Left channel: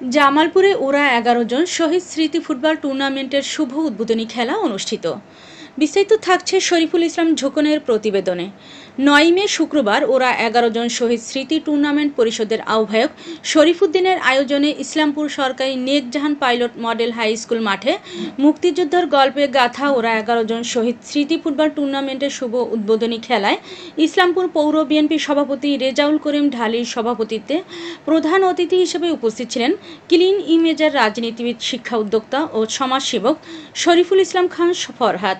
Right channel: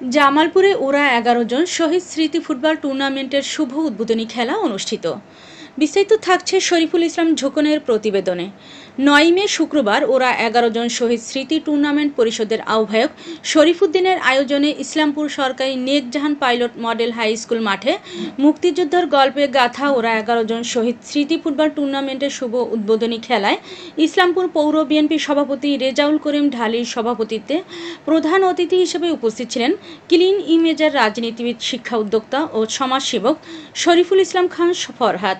জামালপুরে ওরা 11 জন শহীদ স্মৃতি ফুটবল টুর্নামেন্টের শুভ উদ্বোধনী খেলা অনুষ্ঠিত। বিস্তারিত থাকছে শরীফুল ইসলাম ঝোকনের প্রতিবেদনে। 9 মে শুক্রবার ওরা 11 জন শহীদ স্মৃতি টুর্নামেন্ট পরিষদের আহ্বায়ক শরীফুদ্দিনের আয়োজনে ইসলামপুর সরকারি নেক জাহান পাইলট মডেল হাই স্কুল মাঠে মুক্তিযোদ্ধার গল্পে গাথা ওরা 11 জন শহীদ স্মৃতি ফুটবল টুর্নামেন্টের শুভ উদ্বোধনী খেলায় ইসলামপুর পৌর বিএনপি সভাপতি রেজাউল করিম ঢালির সভাপতিত্বে প্রধান অতিথি হিসেবে উপস্থিত ছিলেন ক্লিন ইমেজের রাজনীতিবিদ, শিক্ষা উদ্যোক্তা ও সমাজসেবক শরীফুল ইসলাম খান ফরহাদ।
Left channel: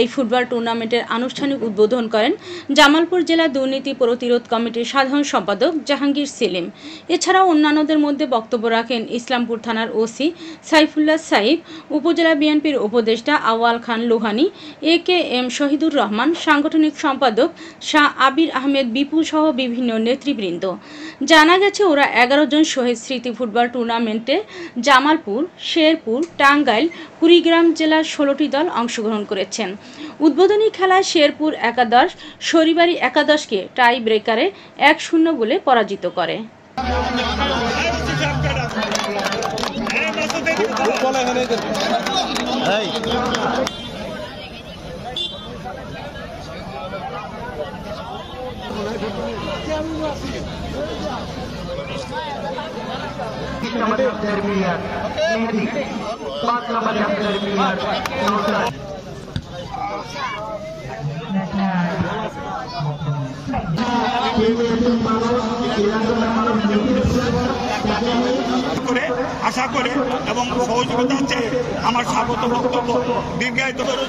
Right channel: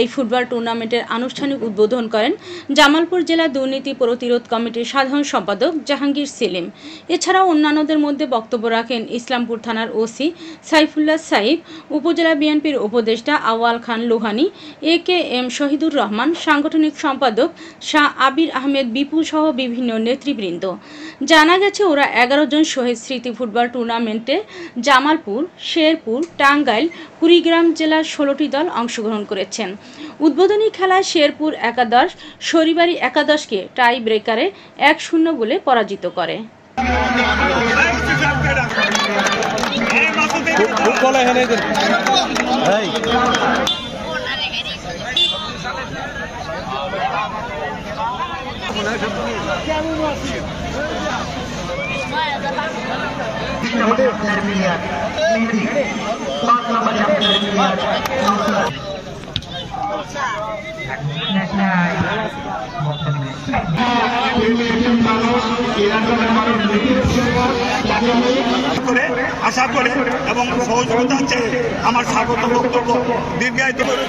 এই ফুটবল টুর্নামেন্টের আনুষ্ঠানিক উদ্বোধন করেন জামালপুর জেলা দুর্নীতি প্রতিরোধ কমিটির সাধারণ সম্পাদক জাহাঙ্গীর সেলিম। এছাড়াও অন্যান্যদের মধ্যে বক্তব্য রাখেন ইসলামপুর থানার ওসি সাইফুল্লাহ সাইফ, উপজেলা বিএনপির উপদেষ্টা আওয়াল খান লোহানী, AKM শহীদুর রহমান, সাংগঠনিক সম্পাদক শাহ আবির আহমেদ বিপুল সহ বিভিন্ন নেতৃবৃন্দ। জানা গেছে ওরা 11 জন শহীদ স্মৃতি ফুটবল টুর্নামেন্টে জামালপুর, শেরপুর, টাঙ্গাইল, কুড়িগ্রাম জেলার 16টি দল অংশগ্রহণ করেছেন। উদ্বোধনী খেলায় শেরপুর একাদশ শরিবাড়ি একাদশকে টাই ব্রেকারে 1-0 গোলে পরাজিত করে। আশা করে এবং সহযোগিতা চেয়ে আমার স্বাগত বক্তব্য দীর্ঘায়িত করে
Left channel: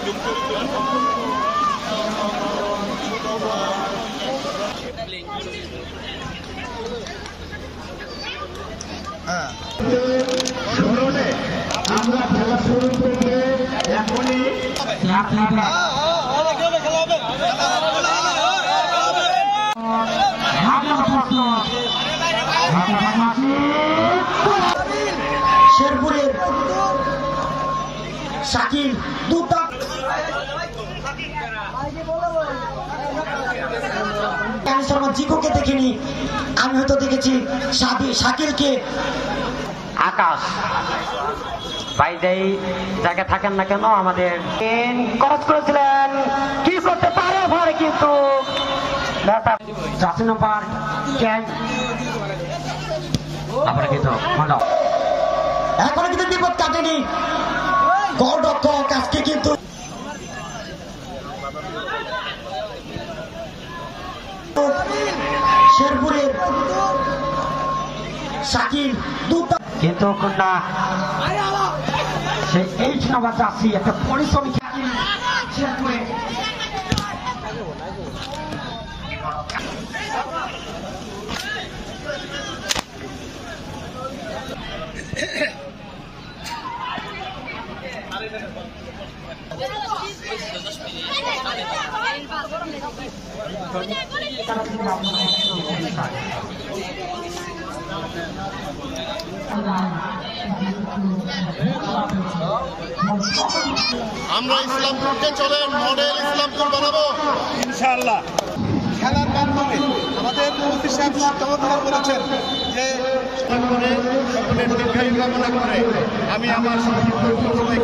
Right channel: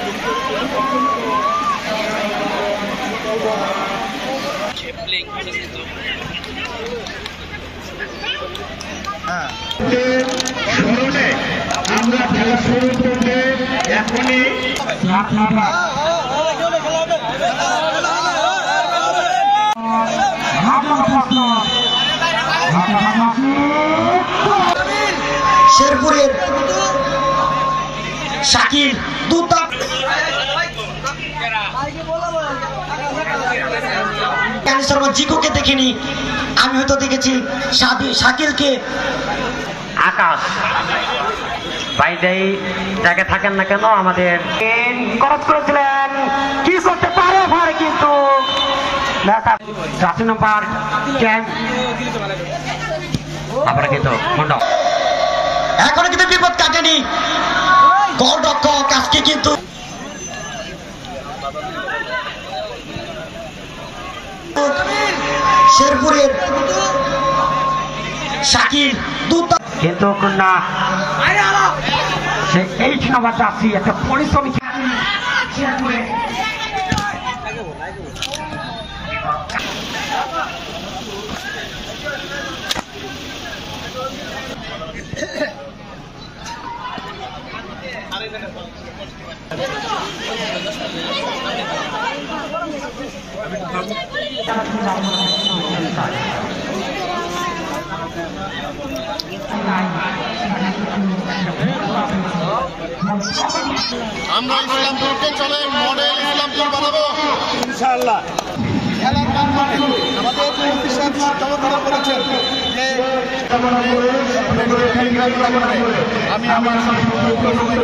আমরা খেলা শুরু করলে এখনই শেরপুরের শাকিল শর্মা জিকোকে দেখিনি, আমি হয়তো দেখেছি শাকিলকে। আকাশ ভাই যেই জায়গায় থাকেন না কেন আমাদের খরচ করেছিলেন, কি করতে পারে ভাই, কিন্তু নাম্বার আপনারা কিন্তু এখনো কিন্তু বিপদ কাটেনি, গোলরক্ষক আজকে কিন্তু শেরপুরের শাকিল কিন্তু না সে 8 নাম্বার জার্সি একটা পরিশ্রমী শেরপুরে আমরা ইসলামপুরকে চলে মডেল ইসলামপুর বানাবো ইনশাআল্লাহ। খেলার মাধ্যমে আমাদের মুফতি সাহেব চমৎকার করেছেন যে আমি আমার সম্পূর্ণ সময়